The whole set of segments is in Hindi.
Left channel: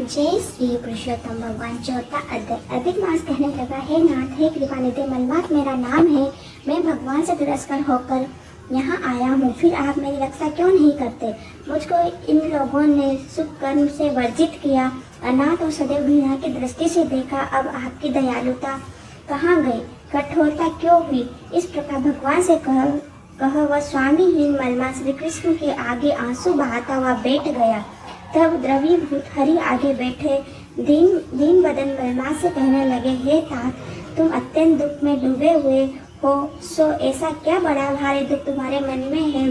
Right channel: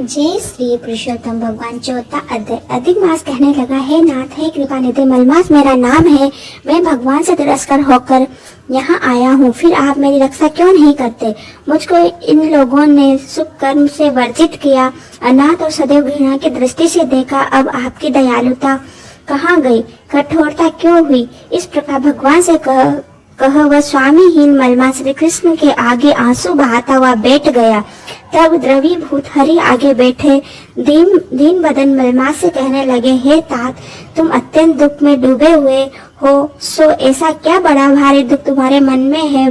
जय श्री पुरुषोत्तम भगवान। चौथा अध्याय। अधिक मास कहने लगा, हे नाथ, हे कृपा निधि मलमास मेरा नाम है। मैं भगवान से तिरस्कार होकर यहाँ आया हूँ, फिर आप मेरी रक्षा क्यों नहीं करते? मुझको इन लोगों ने शुभ कर्म से वर्जित किया, अनाथ और सदैव घृणा की दृष्टि से देखा। अब आपकी दयालुता कहाँ गई? कठोरता क्यों हुई? इस प्रकार भगवान से कह वह स्वामीहीन मलमा श्री कृष्ण के आगे आंसू बहाता हुआ बैठ गया। तब द्रवीभूत हरि आगे बैठे दीन बदन मलमा से कहने लगे, हे तात, तुम अत्यंत दुख में डूबे हुए हो, सो ऐसा क्या बड़ा भारी दुख तुम्हारे मन में है?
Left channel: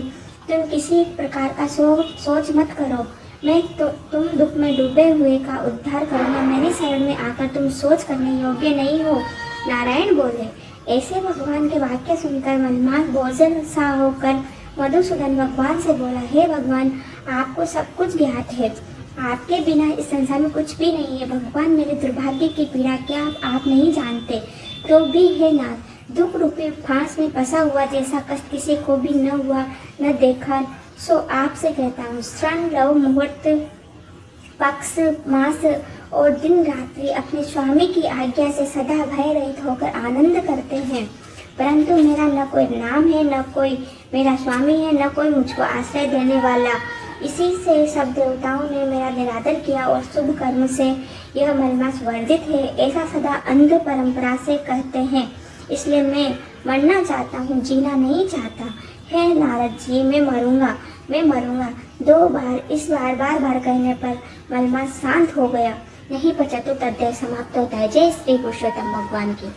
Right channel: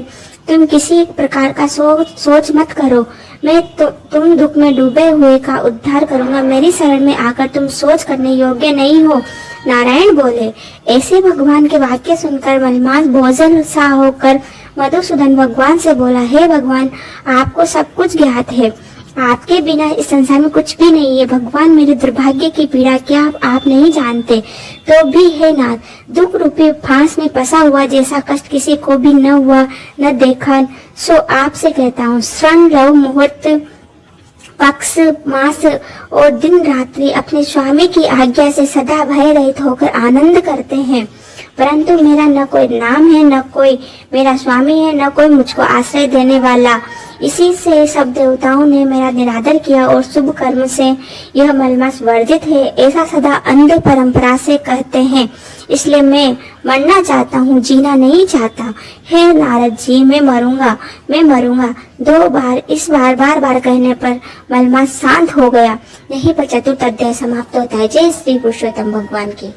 तुम किसी प्रकार का सोच मत करो, मैं तुम दुख में डूबे हुए का उद्धार करूंगा। मेरी शरण में आकर तुम सोच करने योग्य नहीं हो। नारायण बोले। ऐसे भगवान के वाक्य सुनकर मलमास बोझल सा होकर मधुसूदन भगवान से बोला, हे भगवान, आपको सब कुछ ज्ञात है, आपके बिना इस संसार में कुछ भी नहीं है। भगवान, मेरे दुर्भाग्य की पीड़ा क्या आप नहीं जानते? तो भी हे नाथ, दुख रूपी फांस में फंसा हुआ जैसा कष्ट किसी को भी न हुआ न देखा, सो आपसे कहता हूँ। क्षण रव मुहूर्त पक्ष मास और दिन रात्रि अपने स्वामी की आज्ञा से सदा भय रहित होकर आनंद करते हैं, परंतु मेरा न कोई नाम है, न कोई मेरा स्वामी है, न कोई मुझको आश्रय देने वाला। इसी से सब देवताओं ने मेरा निरादर किया और शुभ कर्म से यह मलमास वर्जित है, ऐसा सदा अंध परंपरा से कहते हैं। इसलिए मैं मरना चाहता हूँ, जीना नहीं चाहता। हे नारद जी, मैं मरूंगा। 2 बार इस बार कहने पर मलमास शांत हो गया। यहीं पर चतुर्थ अध्याय समाप्त होता है। जय श्री पुरुषोत्तम भगवान की।